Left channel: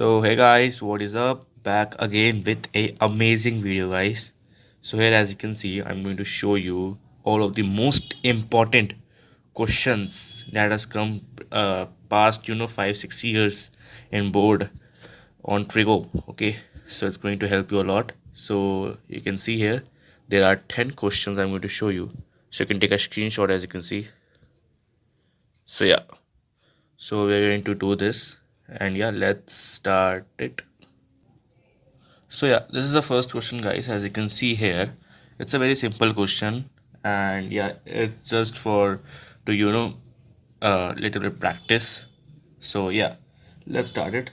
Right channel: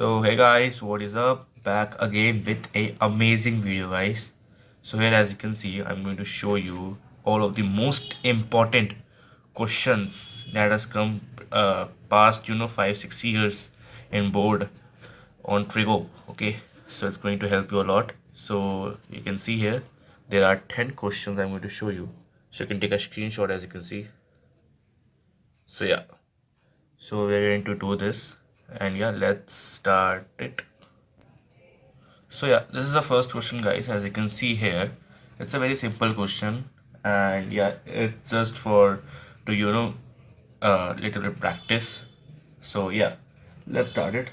So hey guys, what is up? Back again with a amazing video, guys. So here, as you can see, I'm going to show you all of the most important questions that has come past 5-6 years in board on Trigo. Okay, so it's going to help you a lot. So you can see here there are 10 questions I'm going to show you. So you can take a screenshot, as you can see. So yeah, so we're going to do this, and yeah, let's start it. So yeah, this is the first question, guys. As you can see here, it's a very simple question, and yeah, it's just for to little bit practice. So yeah, let's start it.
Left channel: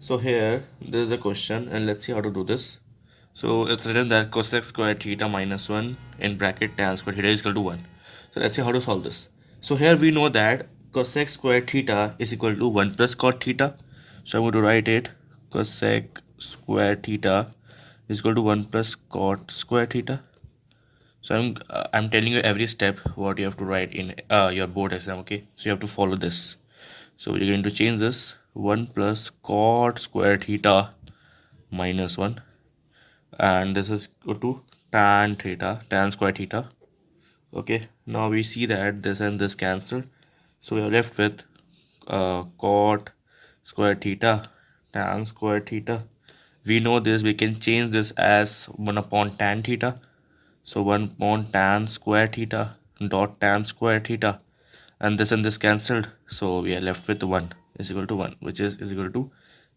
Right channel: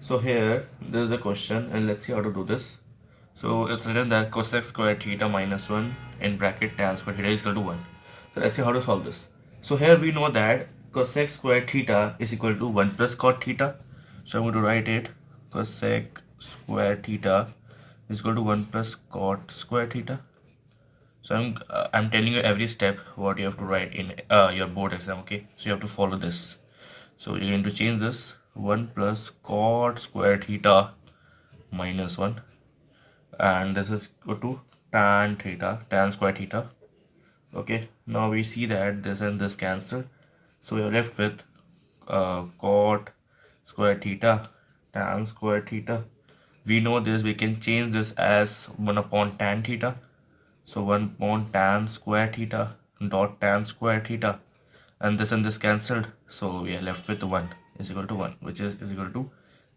So here, this is the question, and let's see how to do this. So it's written that cosec squared theta minus 1 in bracket tan squared theta is equal to 1. So let's see how to solve this. So here we know that cosec squared theta is equal to 1 plus cot theta. So I'm going to write it cosec squared theta is equal to 1 plus cot squared theta. So I'm telling you every step what you have to write in your board exam. Okay, so you have to follow this. So you're going to change this 1 plus cot squared theta minus 1, and this is equal to tan theta, tan square theta. Okay, now we see that this and this cancel, so we are left with cot square theta tan square theta. We know this, we can change this as 1 upon tan theta. So 1 upon tan square theta dot tan square theta, and this cancelled, so we are left with 1 is equal to 1, which is equal to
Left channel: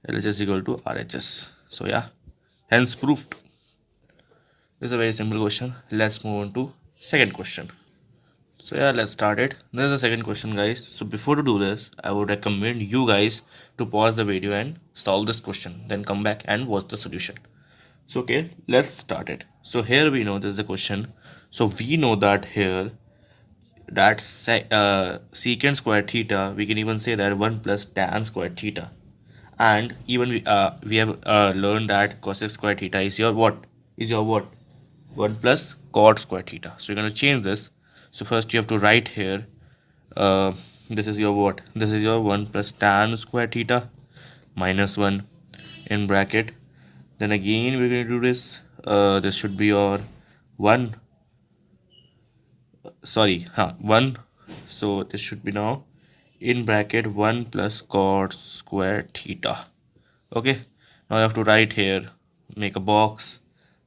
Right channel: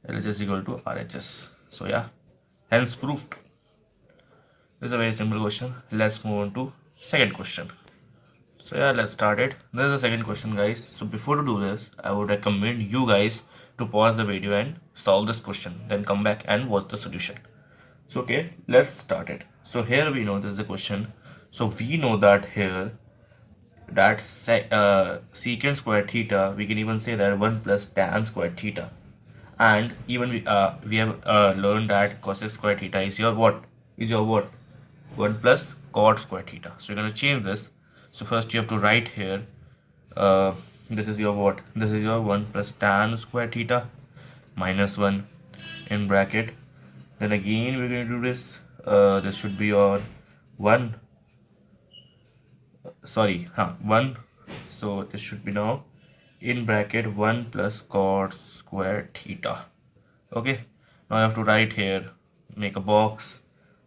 LHS is equal to RHS. So yeah, hence proved. This is a very simple question. Let's move on to second question. So yeah, let's start it. This is the second question, guys. So before to do this, I would recommend you guys to pause the video and solve this question, then come back and watch the solution. So okay, let's start it. So here we know this is the question. So we know that here that secant square theta, we can even say that 1 plus tan square theta, and even we have learned that cosec square theta is your what, 1 plus cot square theta. So you're going to change this. So first you have to write here, uh, this is your what, this is your 1 plus tan square theta minus 1 in bracket. Then again we're going to do this, this should be your 1, sorry, 1. So this should be now in bracket 1 plus cot square theta. Okay, now you have to write here, make a box,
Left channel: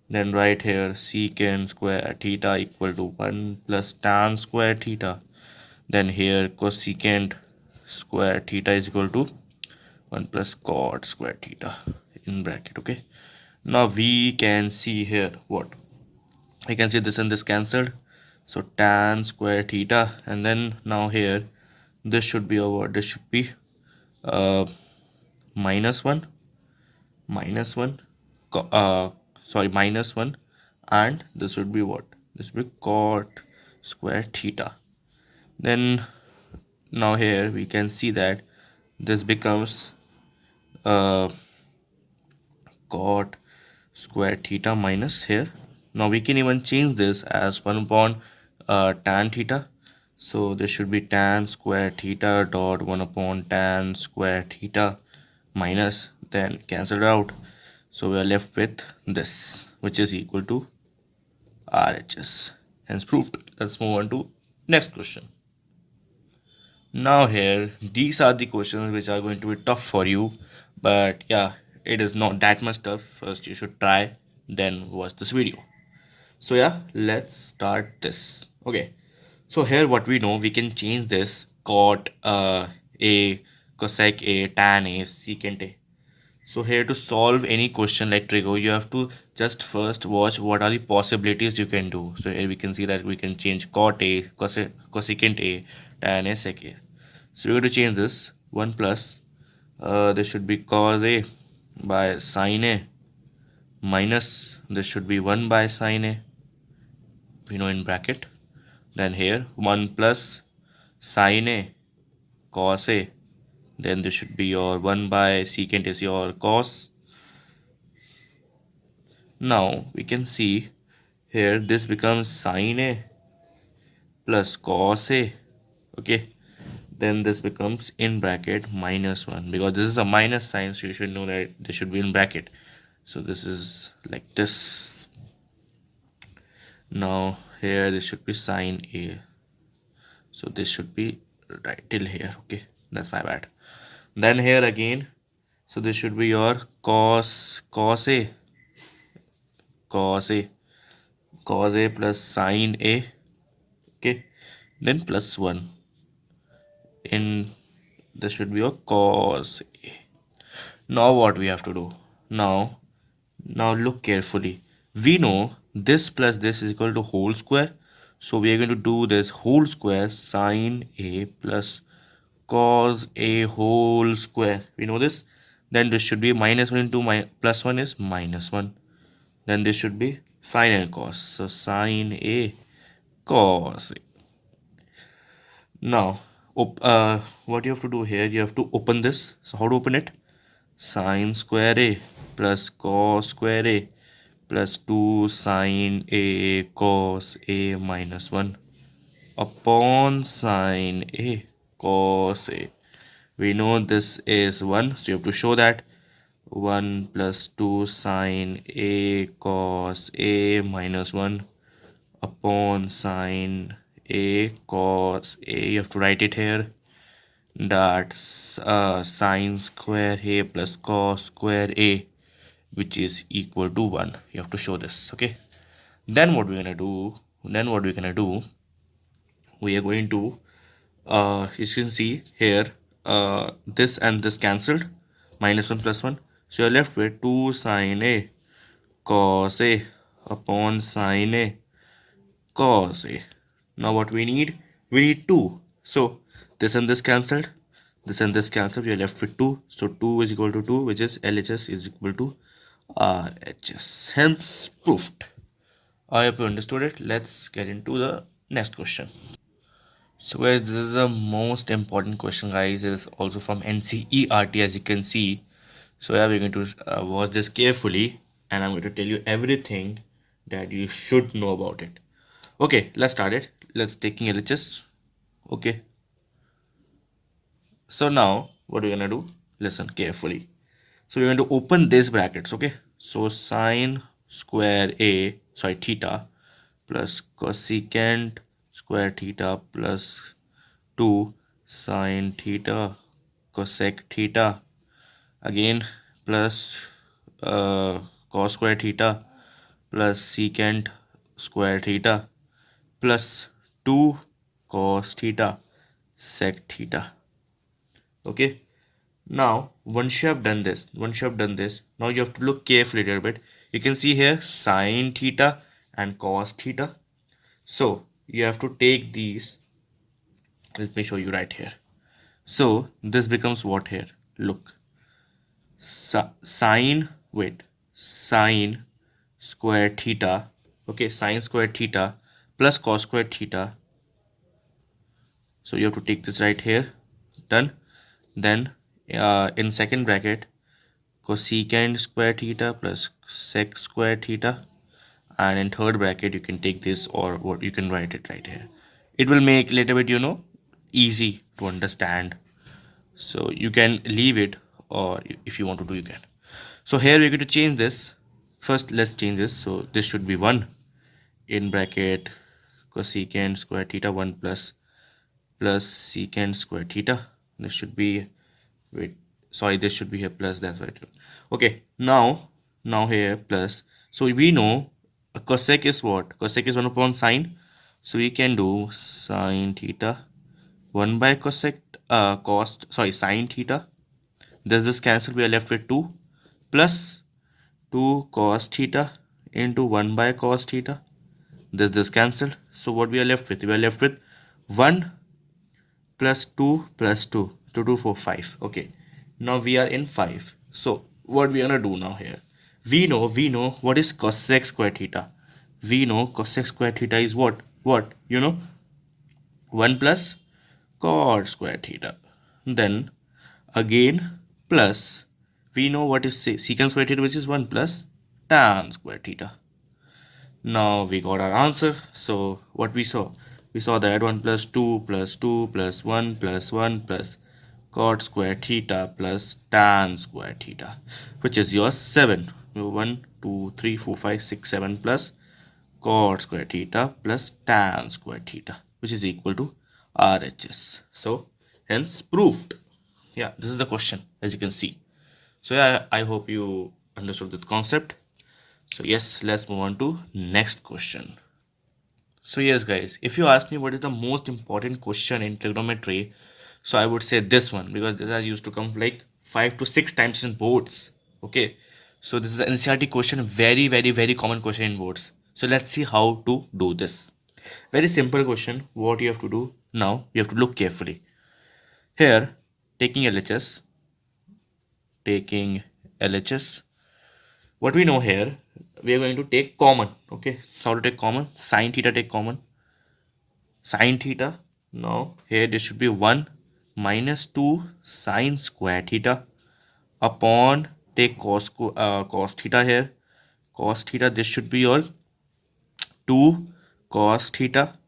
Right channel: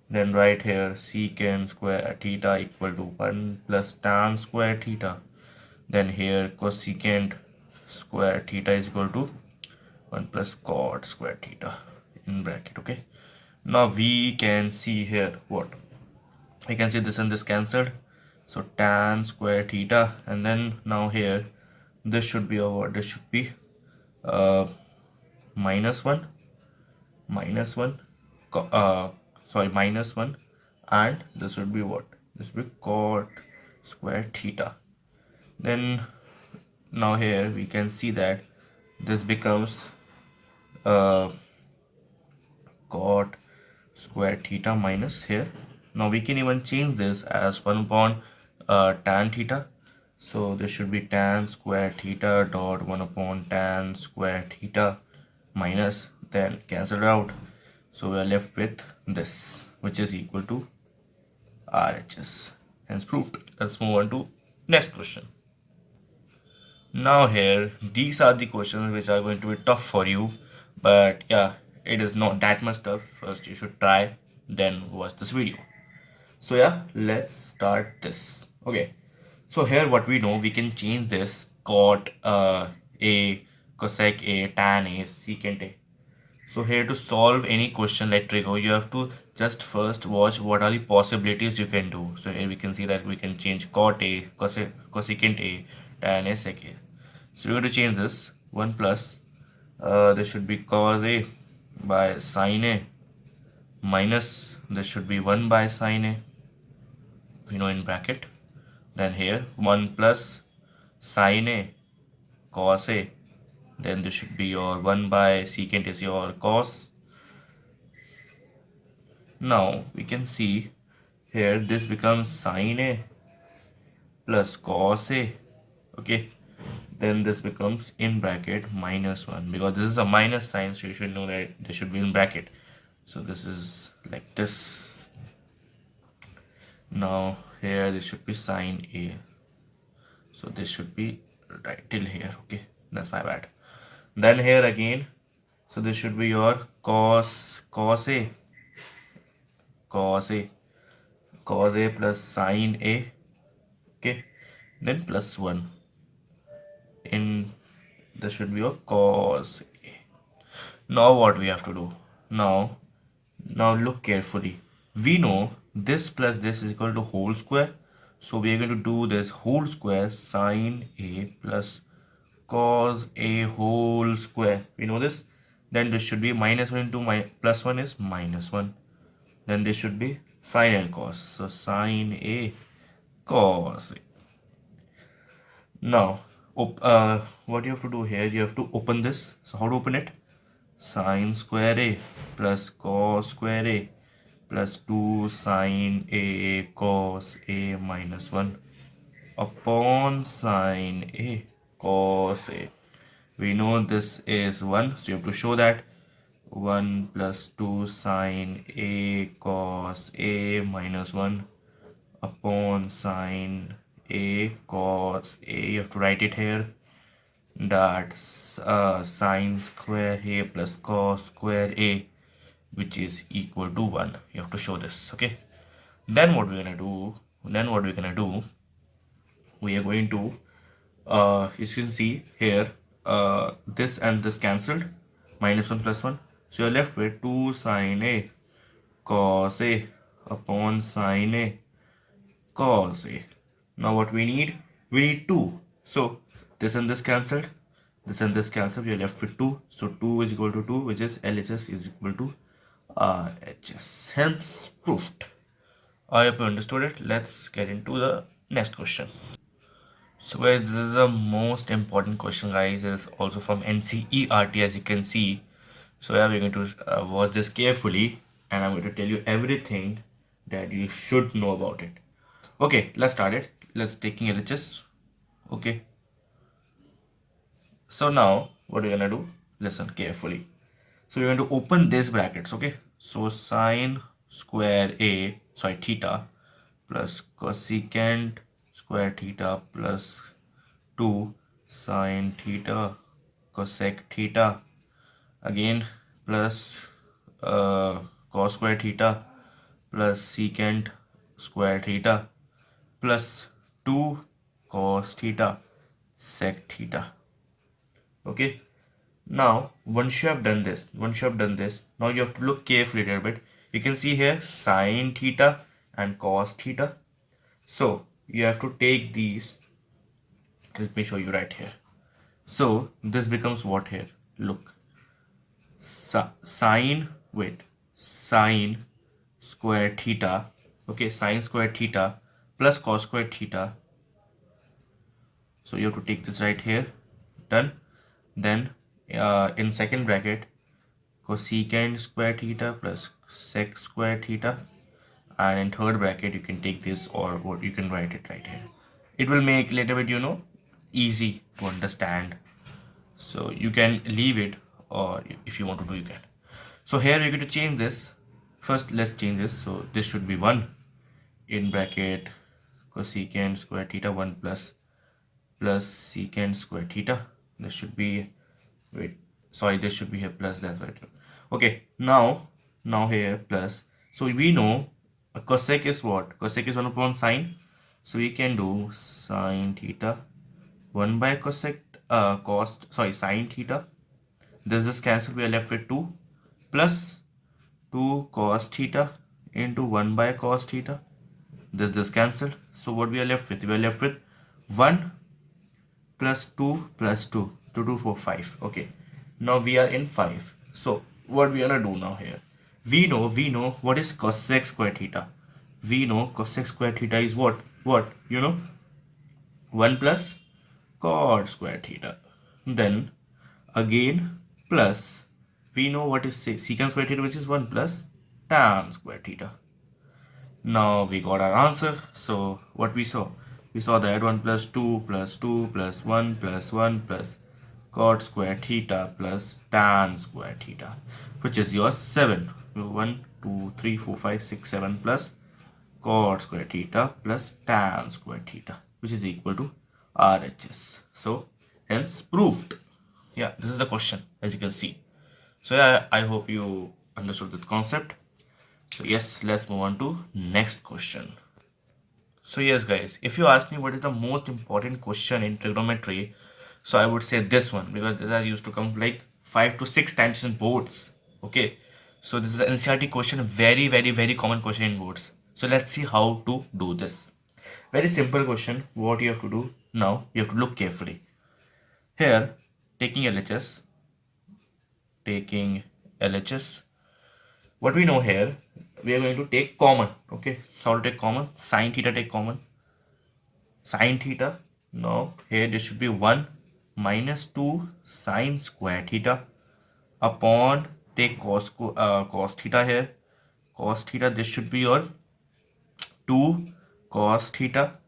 then write here secant square theta equal to 1 plus tan square theta. Then here cosecant square theta is equal to 1 plus cot square theta in bracket. Okay, now we can see here what, we can see this and this cancelled, so tan square theta, and then now here this should be over, this should be uh minus 1, minus 1 sorry, minus 1, and this would be what, this would be cot square theta. Then now here we can see that this becomes uh cot square theta minus here. Now we can even change this as 1 upon tan theta. So this should be tan square theta dot 1 upon tan square theta minus, then cancel it out. So we are left with this, which is equal to RHS. Hence proved. Let's move on to next question. Now here, these are the questions which are going to be tough for you, but yeah, it is not that much tough. First you should try, then watch this video. So yeah, let's start this. Okay, so here what we know, we can change this cot a, cosec a, tan a, secant a. So here to solve any question like Trigo, you have to just first watch what are the possibilities you can do. So here we can see that we can change cot a, cosecant a, tan a, sec a. So we're going to change this 1 plus, this should be cos a by sin a minus, this should be 1 by sin a, we know in bracket. Then here 1 plus sin a cos a, then this should be your 1 by secant is your cos. Now we can see here this becomes sin a plus cos a. Okay, then this becomes in bracket minus 1, because this is a minus sign, so you should know that this should be in bracket. So this is like this. Now here this should be sine a, so this should be right till here. Okay, that's my bad. Then here again, so this should be your cos a plus sine a. Okay, then plus 1 in, this should be your cos a. Now what we have to do? Now look carefully. We know this plus this is equal to whole square. So we are going to do this whole square sine a plus cos a whole square. We know this. Then this should be minus 1 into plus 1 is minus 1. Then this should be sine and cos. So sine a cos a. Now, what you have to do here, you have to open this. So how to open it? Sine square a plus cos square a plus 2 sine a cos a minus 1 upon sine a cos a. We know this is 1, so you have to show that 1 plus 2 sine a cos a minus 1 upon sine a cos a. You have to write it here, that's sine square a plus cos square a, which is equal to 1. You have to show this. Okay, then what we're gonna do, we are going to you can see here, this and this cancelled, minus 1 plus 1, so you're left with 2 sine a cos a upon sine a cos a. Now what we need? We need 2. So this and this cancelled, this and this cancelled, we are left with 2. So 2 is equal to 2, which is LHS is equal to RHS. Hence proved. I hope you understood it. Let's get into the next question. So guys, this is the most important question, guys. It is also from NCERT, as you can see. So yeah, we're going to watch this carefully, and I'm going to tell you everything that you should know about it. Okay, let's start it. Let's taking LHS. Okay. So now what we're gonna do? Listen carefully. So we're going to open these brackets. Okay. So sine square a, sorry, theta plus cosecant square theta plus 2 sine theta cosec theta again plus cos square theta plus secant square theta plus 2 cos theta sec theta. Okay, now once you have done this, now you have to look carefully a little bit. You can see here sine theta and cos theta. So you have to take these. Let me show you right here. So this becomes what here? Look, sine square theta. Okay, sine square theta plus cos square theta. So you have to take this right here. Done. Then in second bracket, cosecant square theta plus sec square theta, and in third bracket you can take this, or what you can write it right here. It will make a little bit, easy to understand. So you can leave it, or if you want to do, you can. So here we're going to change this. First let's change this. So this should be 1 in bracket cosecant square theta 1 plus secant square theta. This should be, wait, sorry, this should be here plus, that's right. Okay, now here plus. So we know a cosec is what? Cosec is 1 upon sine. So we can do sine theta 1 by cosec sine theta. This cancel, we are left with 2 plus 2 cos theta into 1 by cos theta. This cancelled. So what we are left with? We are left with 1 plus 2 plus 2. 2, 2, 4, 5. Okay. Now we are in 5. So what we are gonna do now here? We know what is cosec square theta. We know cosec square theta is what? 1 plus cot square theta. Then again plus, we know what is secant square theta, which is 1 plus tan square theta. Now we got our answer. So what we saw, We saw that 1 plus 2 plus 2 plus 1 plus 1 plus cot square theta plus tan square theta, which is your 7. 1, 2, 3, 4, 5, 6, 7 plus cot square theta plus tan square theta, which is equal to RHS. So hence proved. Yeah, this is the question, as you can see. So yeah, I hope you understood the concept. So yes, let's move on to next question. So yes guys, if you ask me what is the most important question in trigonometry, so I would say this one, because this has used to come like 5 to 6 times in boards. Okay, so this is an NCRT question, very common question in boards. So let's see how to do this. Very simple question. What you have to do now, you have to look carefully. Here, taking LHS, what we know here, we are going to take common. Okay, so how to take common? Sine theta, take common. Sine theta, now here this should be 1 minus 2 sine square theta upon, take cos theta here. Cos theta, this should be your 2 cos theta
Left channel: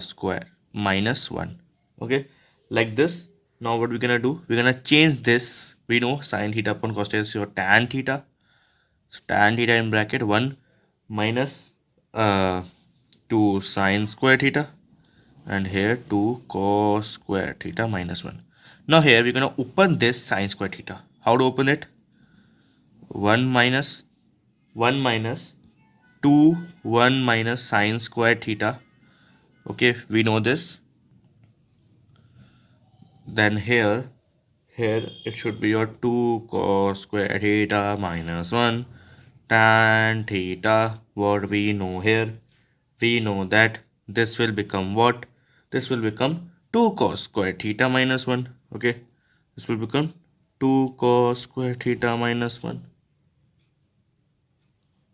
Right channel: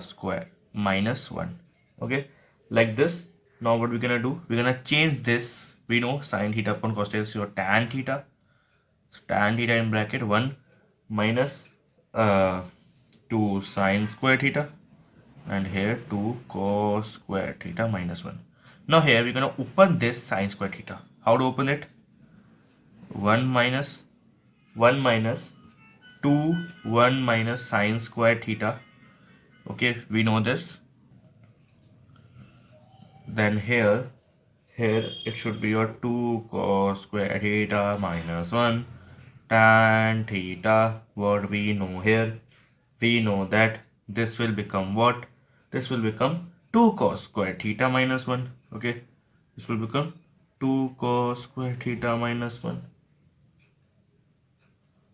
square minus 1. Okay, like this. Now what we're gonna do, we're gonna change this. We know sine theta upon cos theta is your tan theta. So tan theta in bracket 1 minus 2 sine square theta, and here 2 cos square theta minus 1. Now here we're going to open this sine square theta. How to open it? 1 minus 1 minus 2 1 minus sine square theta. Okay, we know this. Then here it should be your 2 cos square theta minus 1 tan theta. What we know here, we know that this will become what? This will become 2 cos square theta minus 1. Okay, this will become 2 cos square theta minus 1.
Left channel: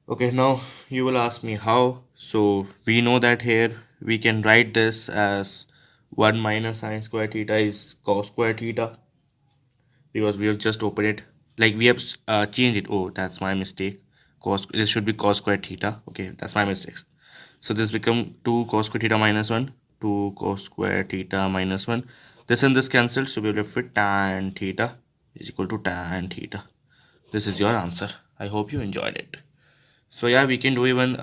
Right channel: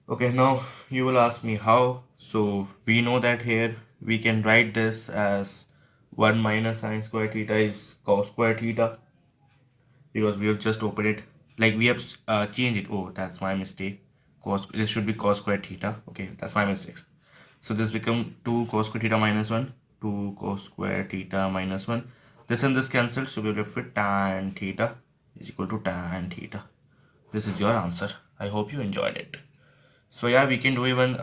Okay, now you will ask me how. So we know that here we can write this as 1 minus sine square theta is cos square theta, because we have just opened it, like we have changed it. Oh, that's my mistake. Cos, this should be cos square theta. Okay, that's my mistakes. So this become 2 cos square theta minus 1, 2 cos square theta minus 1. This and this cancelled, so we will left with tan theta is equal to tan theta. This is your answer. I hope you enjoyed it. So yeah, we can do even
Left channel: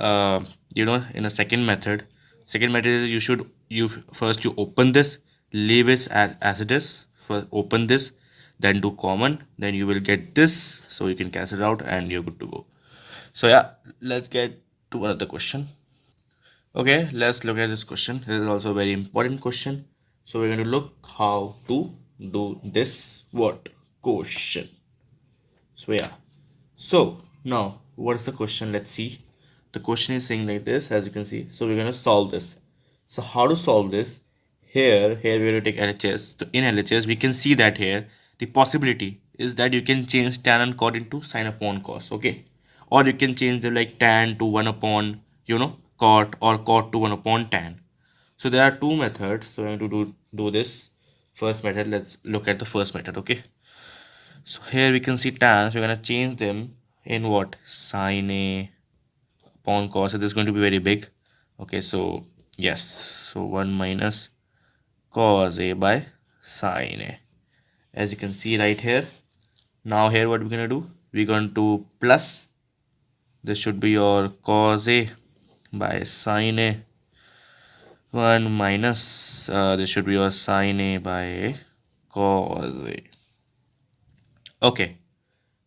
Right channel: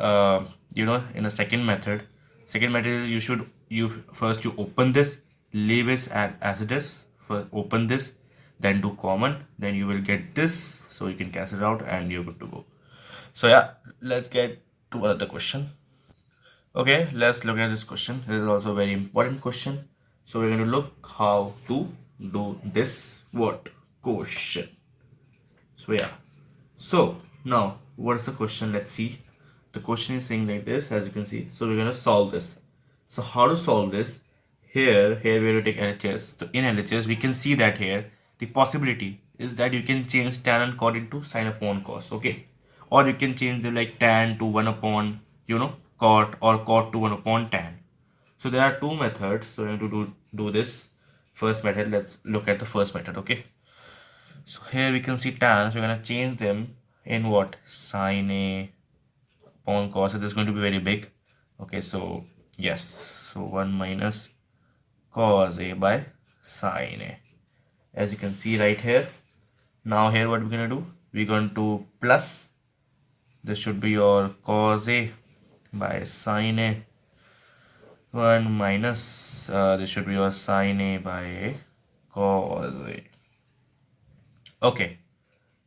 in a second method. Second method is you open this, leave it as it is. First open this, then do common, then you will get this, so you can cancel it out and you're good to go. So yeah, let's get to another question. Okay, let's look at this question. This is also a very important question. So we're going to look how to do this what question. So yeah, so now what's the question? Let's see. The question is saying like this, as you can see. So we're going to solve this. So how to solve this? Here we will take LHS. So in LHS we can see that here the possibility is that you can change tan and cot into sine upon cos. Okay, or you can change the like tan to 1 upon cot, or cot to 1 upon tan. So there are two methods. So I have to do this first method. Let's look at the first method. Okay, so here we can see tan, so we're going to change them in what? Sine A upon cos. So this is going to be very big. Okay, so yes, so 1 minus cos A by sine A, as you can see right here. Now here what we're going to do, we're going to plus, this should be your cos A by sine A, 1 minus this should be your sine A by cos A. Okay,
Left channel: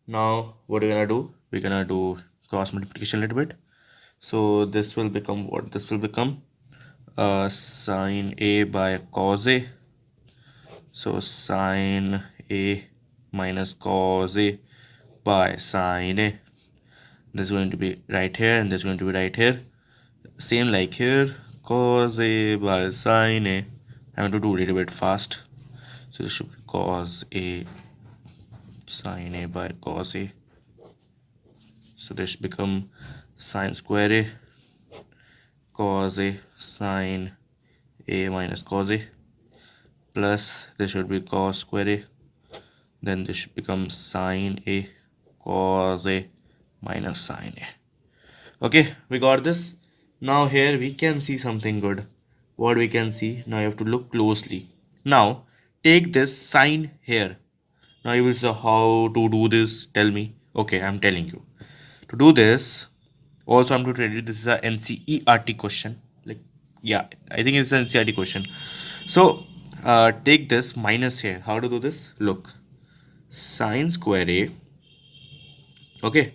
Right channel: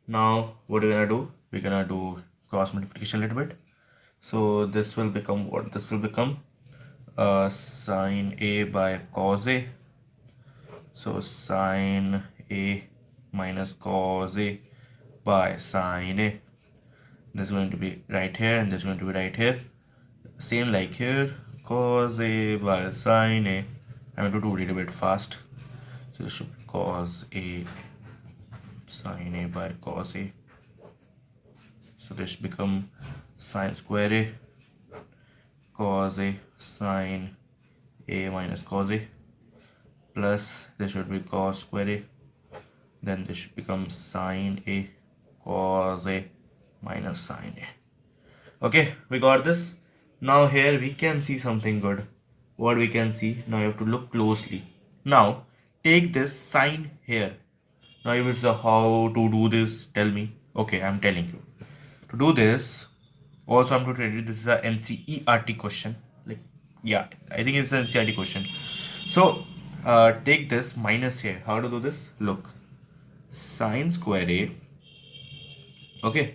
now what we're gonna do, we're gonna do cross multiplication a little bit. So this will become what? This will become sine A by cos A. So sine A minus cos A by sine A. This is going to be right here, and this is going to be right here. Same like here, cos A by sine A. I'm going to do it a little bit fast. So this should be cos A sine A by cos A. So this become sine square A cos A sine A minus cos A, plus this should be cos square A, then this should become sine A cos A minus sine A. Okay, we got this. Now here we can see something good. what we can see, now you have to look closely. Now take this sign here. Now you will say how to do this, tell me. Okay, I'm telling you. To do this, also I'm to tell you this is a NCERT question. Like, yeah, I think it's an NCERT question. So take this minus here. How to do this? Look, sine square a, okay,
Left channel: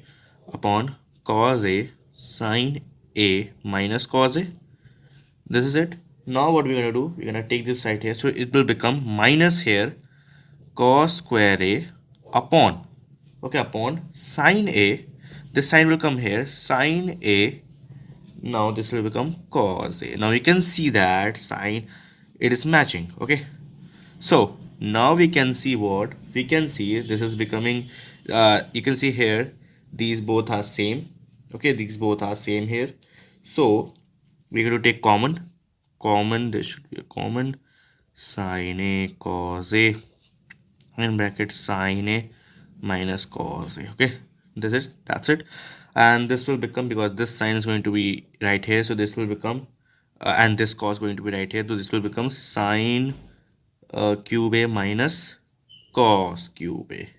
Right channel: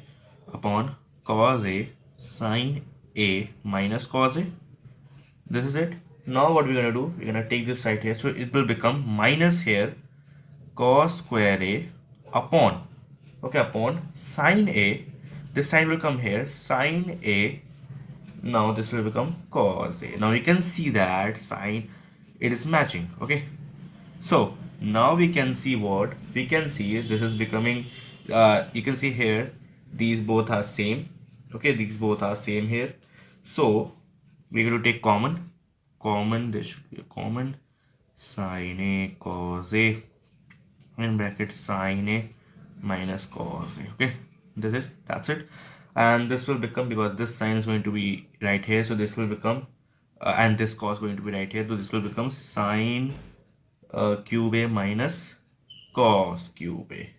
upon cos a sine a minus cos a. This is it. Now what we're gonna do? We're gonna take this right here. So it will become minus here cos square a upon, okay, upon sine a. This sign will come here, sine a. Now this will become cos a. Now you can see that sine, it is matching. Okay, so now we can see what we can see. This is becoming you can see here, these both are same. Okay, these both are same here. So we're going to take common, this should be a common, sine a cos a, in bracket sine a minus cos a. Okay, that's it. And this will become, because this sign is going to be right here, so this will become and this cos going to be right here, so this will become sine cube a minus cos cube a.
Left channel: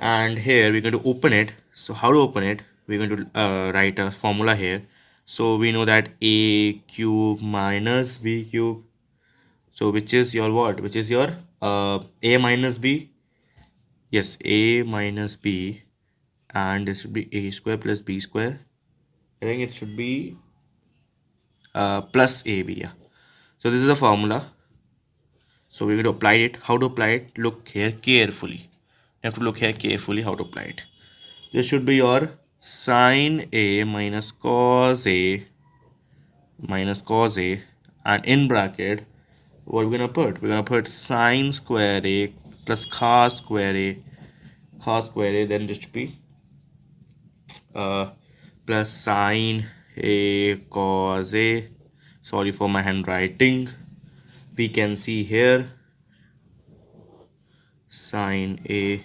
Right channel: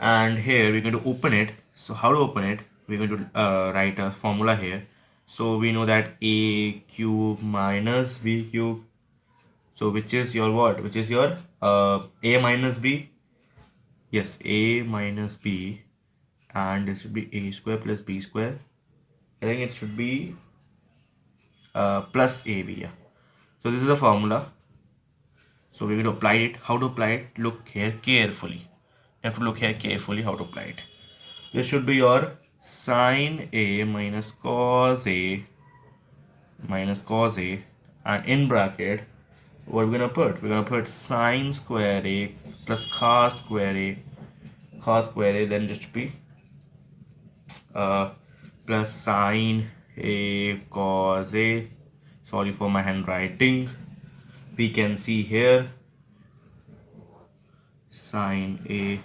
And here we're going to open it. So how to open it? We're going to write a formula here. So we know that a cube minus b cube, so which is your what, which is your a minus b. Yes, a minus b, and this should be a square plus b square. I think it should be plus ab. Yeah, so this is a formula. So we're going to apply it. How to apply it? Look here carefully. You have to look here carefully how to apply it. This should be your sine a minus cos a minus cos a, and in bracket what we're gonna put? We're gonna put sine square a plus cos square a, then this should be plus sine a cos a. Sorry for my handwriting. We can see here sine a,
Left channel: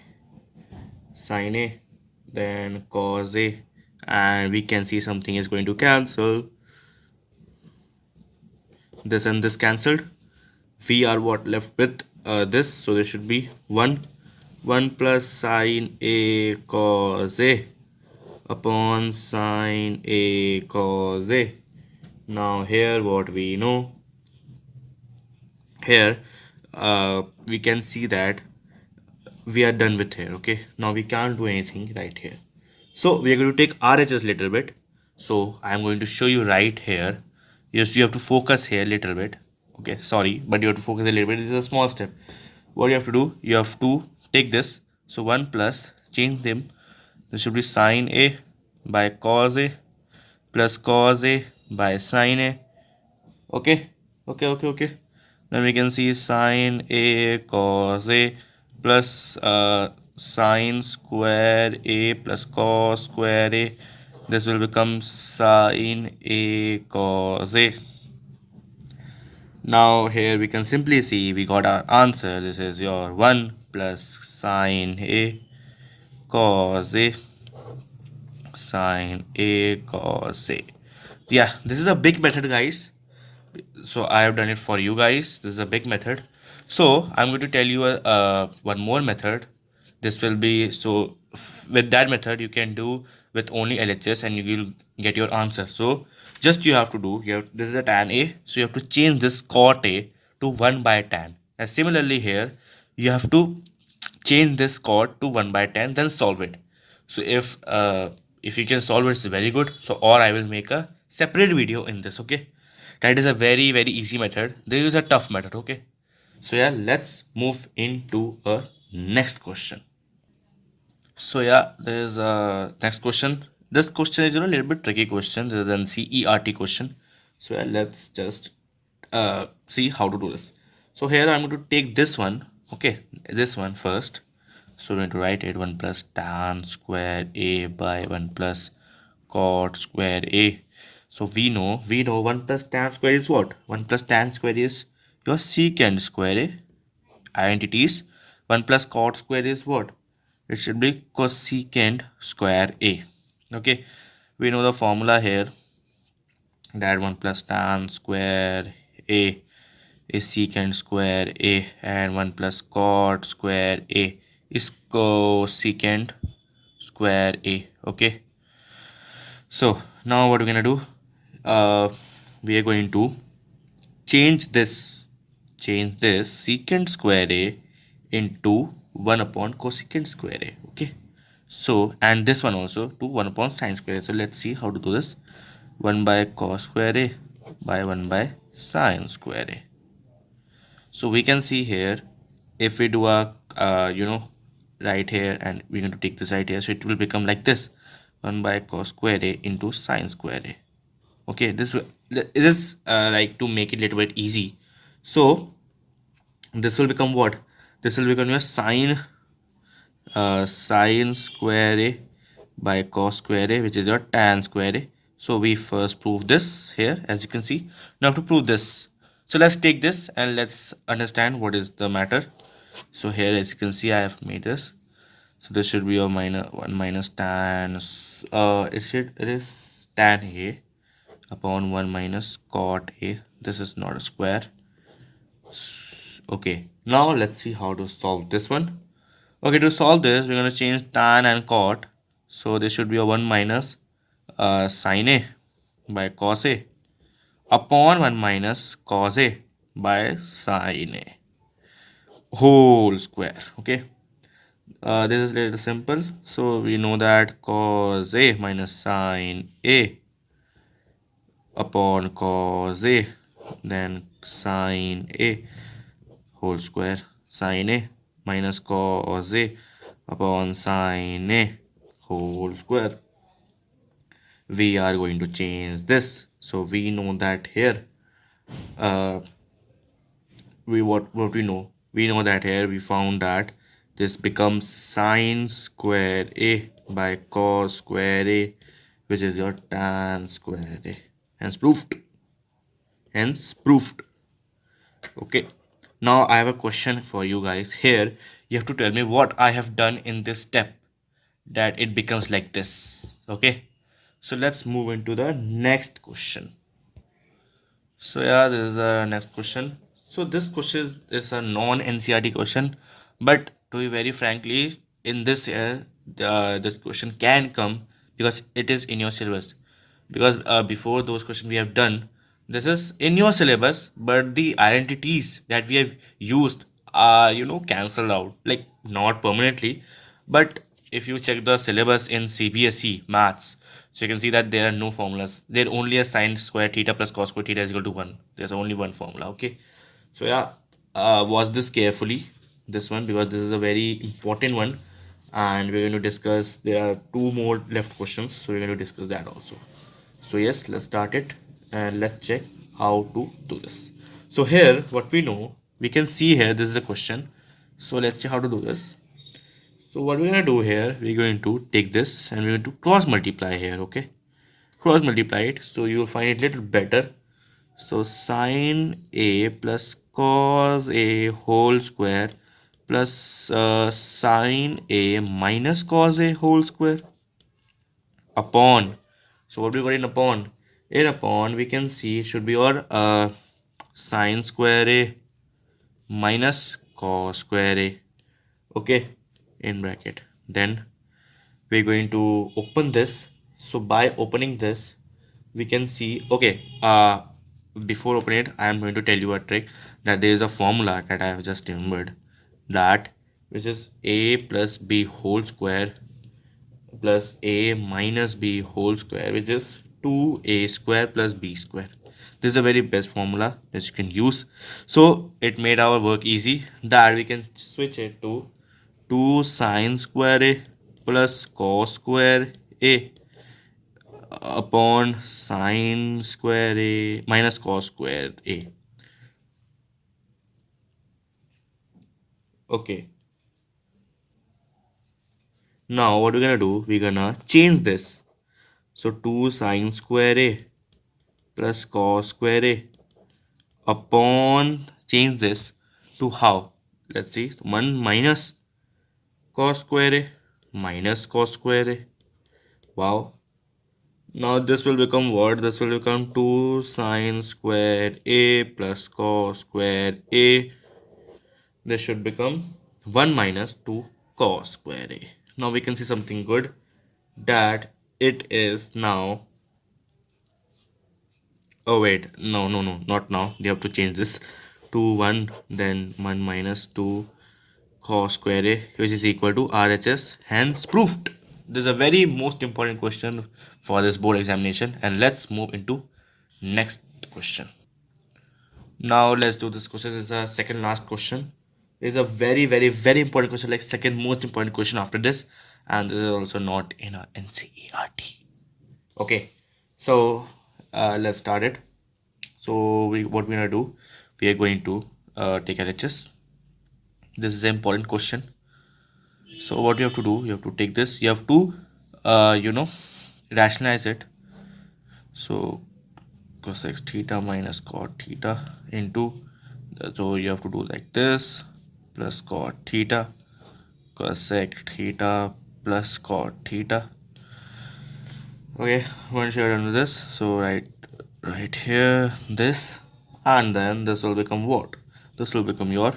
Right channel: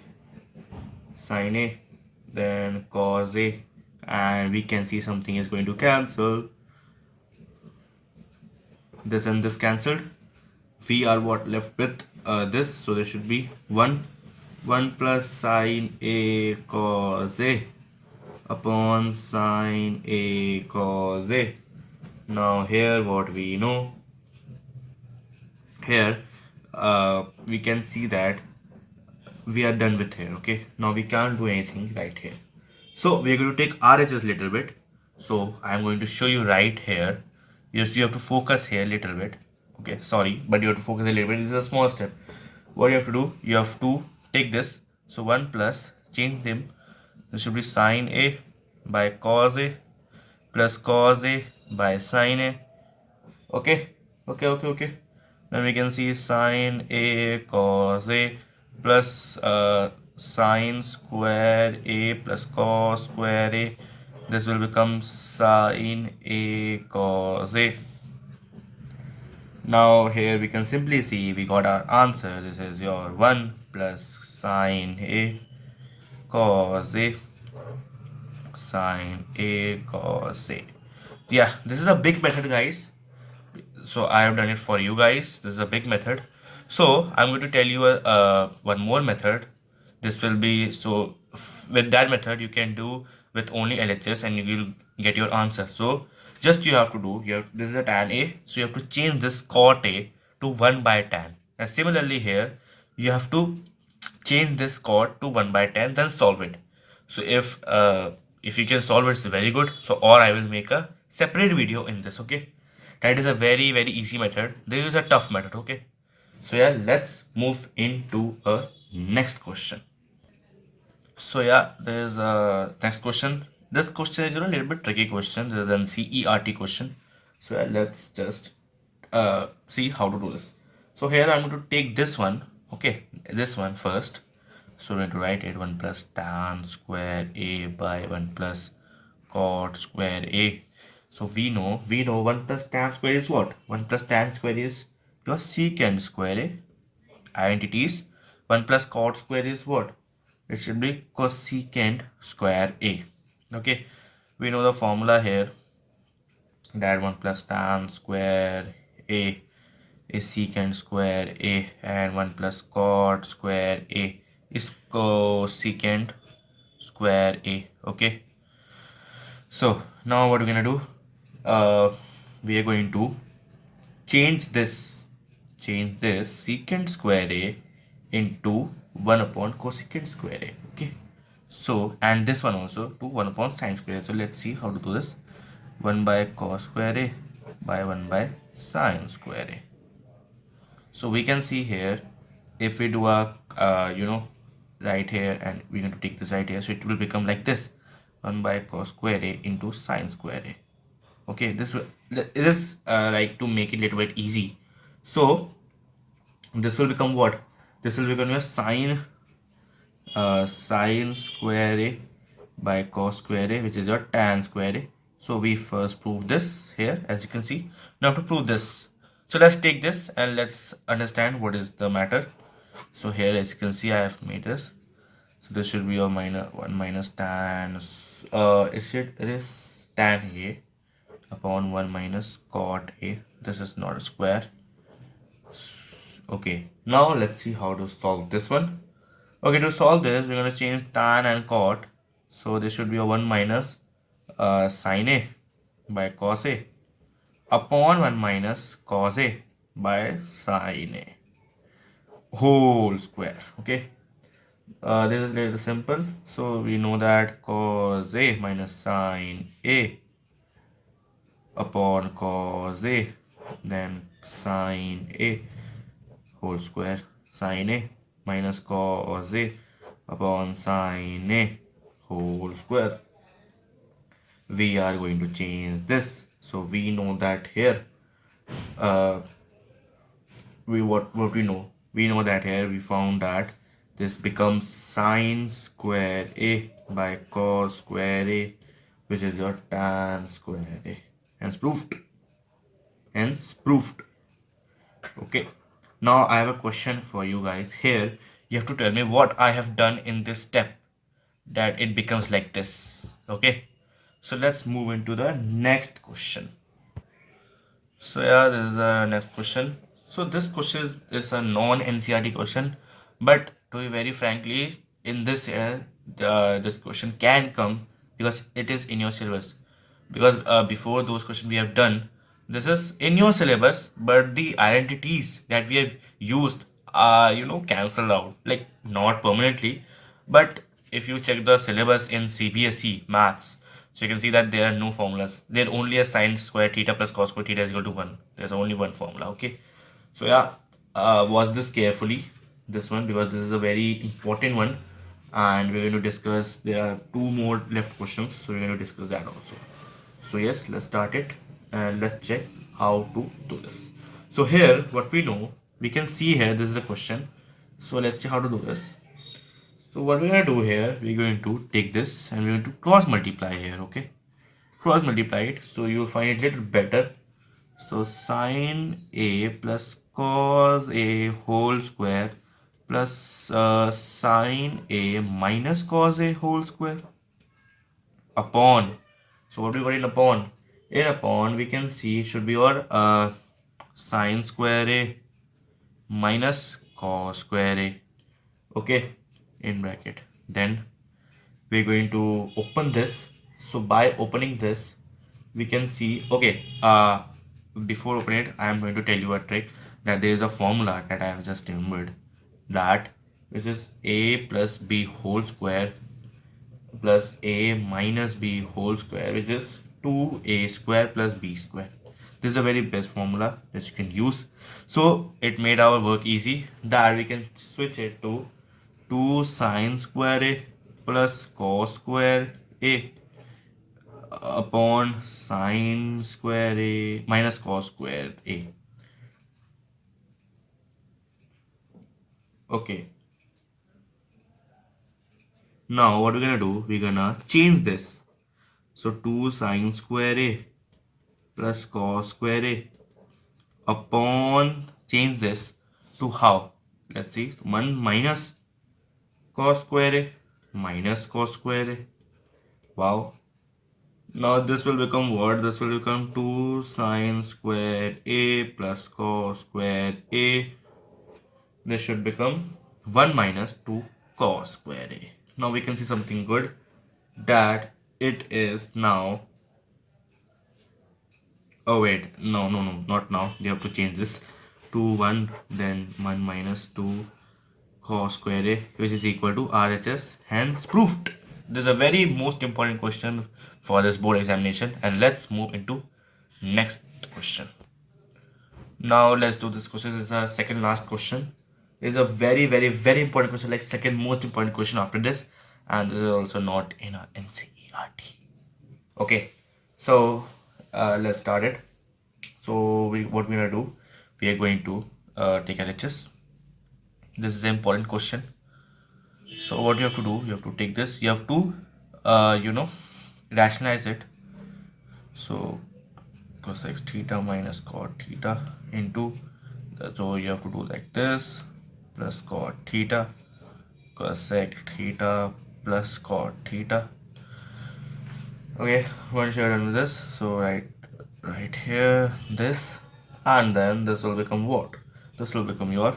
then cos a, and we can see something is going to cancel. This and this cancelled. We are what left with this, so there should be 1 plus sine a cos a upon sine a cos a. Now here what we know, here we can see that we are done with here. Okay, now we can't do anything right here, so we are going to take RHS little bit. So I am going to show you right here. Yes, you have to focus here little bit. Okay, sorry, but you have to focus a little bit. This is a small step. What you have to do, you have to take this. So 1 plus, change them. This should be sine a by cos a plus cos a by sine a. Okay, okay. Then we can see sine a cos a plus sine square a plus cos square a. This will become sine a cos a. Now here we can simply see we got our answer. This is your 1 plus sine a cos a sine a cos a. Yeah, this is a big method, guys. So I have done it for you guys. This is a big method. So I'm going to tell you one more method. This will be, so with that method you can do with only LHS and you will get your answer. So just you have to do, this is a tan a, so you have to change this cot a to 1 by tan. And similarly here you have to change this cot to 1 by 10, then solve it. So if you can solve it, it's very good. So or I will make a separate video in this. Okay, that is a very easy method. There is a tough method. Okay, so yeah, let's move into a next question. So yeah, there's a next question. This question is a little bit tricky question. This is an CERT question. So yeah, let's just see how to do this. So here I'm going to take this one. Okay, this one first. So we're going to write it 1 plus tan square a by 1 plus cot square a. So we know 1 plus tan square is what? 1 plus tan square is your secant square a. Identities. 1 plus cot square is what? It should be cosecant square a. Okay, we know the formula here. That 1 plus tan square a is secant square a, and 1 plus cot square a is cosecant square a. Okay, so now what we're gonna do, we are going to change this secant square a into 1 upon cosecant square a. Okay, so and this one also to 1 upon sine square a. So let's see how to do this. 1 by cos square a by 1 by sine square a. So we can see here, if we do a right here, and we're going to take this right here, so it will become like this: 1 by cos square a into sine square a. Okay, it is like to make it a little bit easy. So this will become what? This will become your sine square a by cos square a, which is your tan square a. So we first prove this here, as you can see. Now to prove this, so let's take this and let's understand what is the matter. So here, as you can see, I have made this. So this should be your minus 1 minus tan. It is tan a upon 1 minus cot a. This is not a square. Okay, now let's see how to solve this one. Okay, to solve this, we're going to change tan and cot. So this should be a 1 minus sine a by cos a upon 1 minus cos a by sine a whole square. Okay, this is a little simple. So we know that cos a minus sine a upon cos a, then sine a whole square, sine a minus cos a upon sine a whole square. We are going to change this. So we know that here, uh, what we know, we know that here we found that this becomes sine square a by cos square a, which is your tan square a. Hence proved. Hence proved. Okay, now I have a question for you guys. Here you have to tell me what I have done in this step that it becomes like this. Okay, so let's move into the next question. So yeah, this is the next question. So this question is a non-NCRT question, but to be very frankly, in this year, this question can come because it is in your syllabus. Because before those questions we have done, this is in your syllabus, but the identities that we have used are cancelled out, like not permanently, but if you check the syllabus in CBSE maths, so you can see that there are no formulas. There only a sine square theta plus cos square theta is equal to 1. There's only one formula. Okay, so yeah, watch this carefully, this one, because this is a very important one, and we're going to discuss. There are two more left questions, so we're going to discuss that also. So yes, let's start it and let's check how to do this. So here, what we know, we can see here, this is a question. So let's see how to do this. So what we're gonna do here, we're going to take this and we're going to cross multiply here. Okay, cross multiply it, so you'll find it little better. So sine a plus cos a whole square plus sine a minus cos a whole square upon. So what we got in upon? In upon, we can see it should be your sine square a minus cos square a. Okay, in bracket. Then we're going to open this. So by opening this, we can see, okay, before opening it, I am going to tell you a trick, that there is a formula that I have just remembered, that which is a plus b whole square plus a minus b whole square, which is 2a square plus b square. This is a very best formula that you can use. So it made our work easy, that we can switch it to 2 sine square a plus cos square a upon sine square a minus cos square a. Okay, now what we're gonna do, we're gonna change this. So 2 sine square a plus cos square a upon, change this to how? Let's see, 1 minus cos square a minus cos square a. Wow, Now this will become what? This will become 2 sine squared a plus cos squared a. This should become 1 minus 2 cos square a. Now we can see something good, that it is now. Oh wait, no, not now. You have to change this to 1, then 1 minus 2 cos square a, which is equal to RHS, hence proved. This is a very most important question for this board examination, and let's move into next question. Now let's do this question. This is a second last question. It's a very important question, like second most important question after this, and this is also not in a NCERT. Okay, so let's start it. So what we're gonna do? We are going to take LHS. This is an important question. So what you have to do? You have to take this. You have to, rationalize it. So cosec theta minus cot theta into, so you have to do like this, plus cot theta, cosec theta plus cot theta. Okay, once you're done with this, so right here this, and then this will become what? This will become your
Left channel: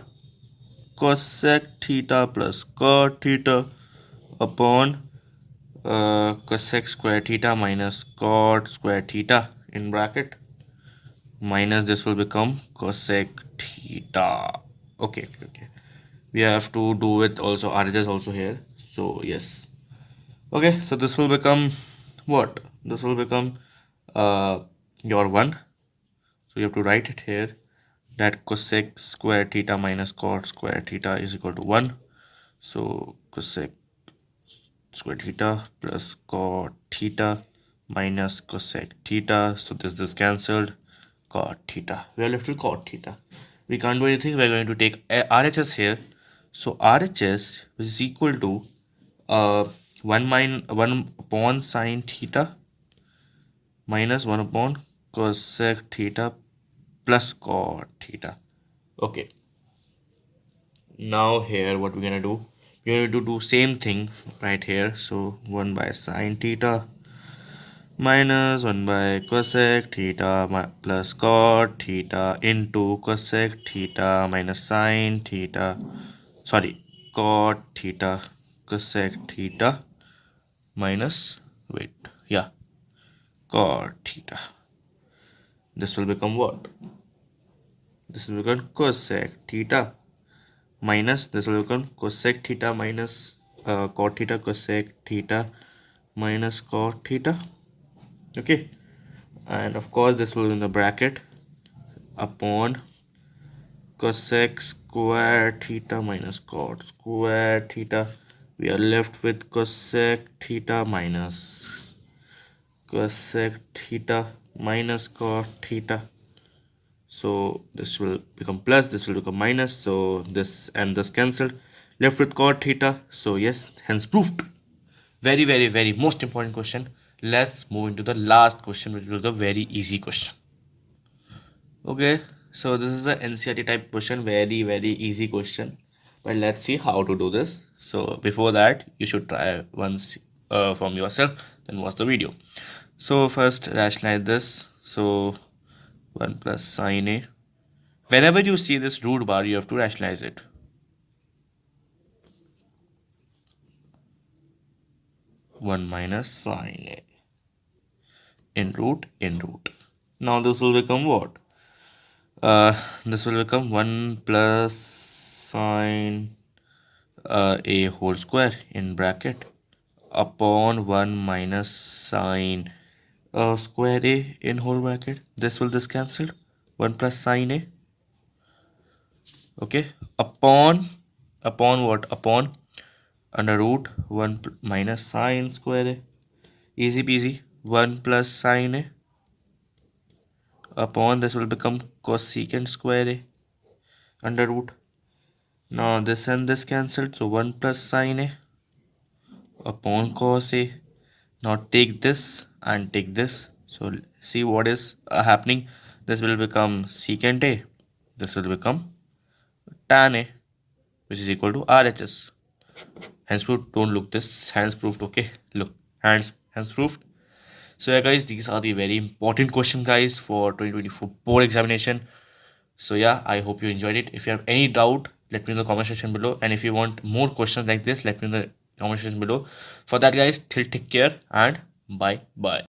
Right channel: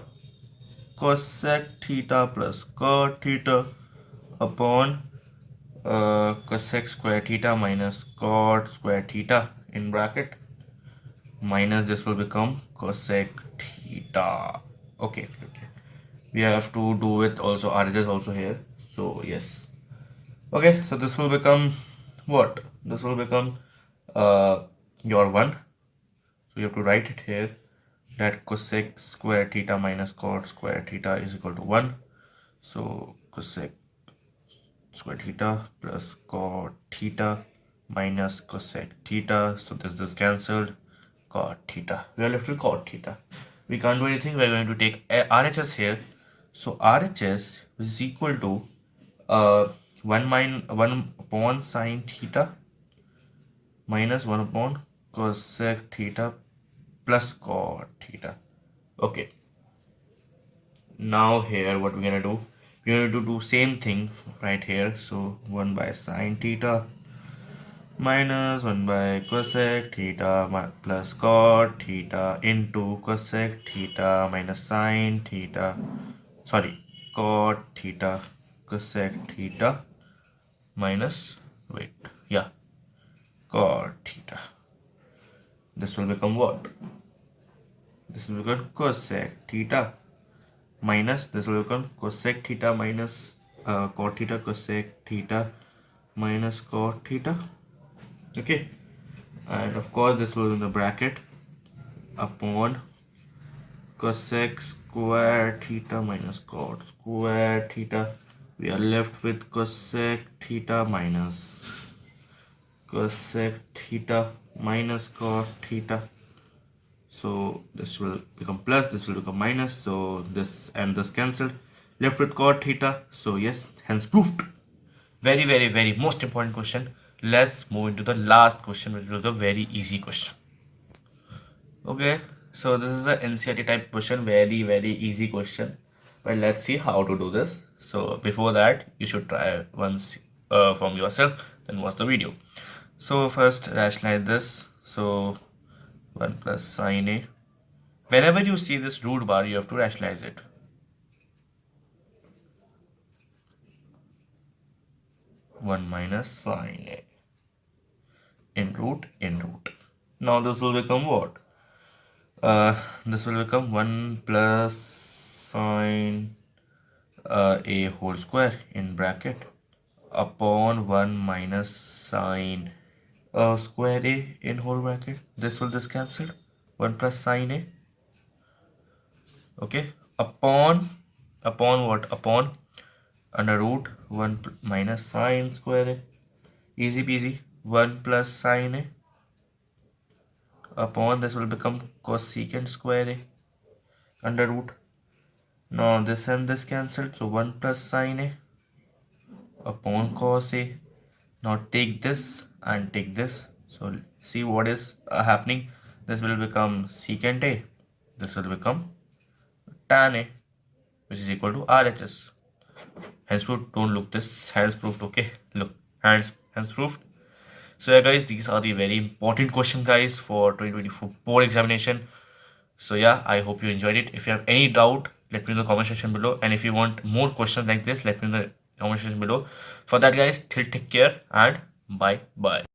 cosec theta plus cot theta upon cosec square theta minus cot square theta in bracket, minus this will become cosec theta. Okay. We have to do with also RHS also here. So yes. Okay, so this will become what? This will become uh, your 1. So you have to write it here, that cosec square theta minus cot square theta is equal to 1. So cosec square theta plus cot theta minus cosec theta. So this cancelled. Cot theta. We are left with cot theta. We can't do anything. We are going to take RHS here. So RHS is equal to 1 upon sine theta minus 1 upon cosec theta plus cot theta. Okay. Now here what we're gonna do? We're going to do same thing right here. So 1 by sine theta minus 1 by cosec theta plus cot theta into cosec theta minus sine theta, sorry, cot theta cosec theta minus, wait, yeah, cot theta. This will become what? This will become cosec theta minus, this will become cosec theta minus cot theta cosec theta minus cot theta. Okay, and of course this will be in the bracket upon cosec square theta minus cot square theta. We are left with cosec theta minus cosec theta minus cot theta. So this will become plus, this will become minus, so this and this cancelled, left with cot theta. So yes, hence proved. Very most important question. Let's move into the last question, which was a very easy question. Okay, so this is a NCERT type question, very easy question, but let's see how to do this. So before that, you should try once from yourself, then watch the video. So first rationalize this. So 1 plus sine a. Whenever you see this root bar, you have to rationalize it. 1 minus sine a in root. Now this will become what? This will become 1 plus sine a whole square in bracket upon 1 minus sine square a in whole bracket. This cancelled. 1 plus sine a. Okay, upon what? Upon under root 1 minus sine square a. Easy peasy. 1 plus sine a upon, this will become cosecant square a under root. Now this and this cancelled, so 1 plus sine a upon cos a. Now take this and take this. So see what is happening. This will become secant a. This will become tan a, which is equal to RHS. Hence proved. Don't look this. Hence proved. Okay. Look. Hence proved. So yeah guys, these are the very important questions guys for 2024 board examination. So yeah, I hope you enjoyed it. If you have any doubt, let me know in the comment section below, and if you want more questions like this, let me know in the comment section below. For that guys, till take care and bye bye.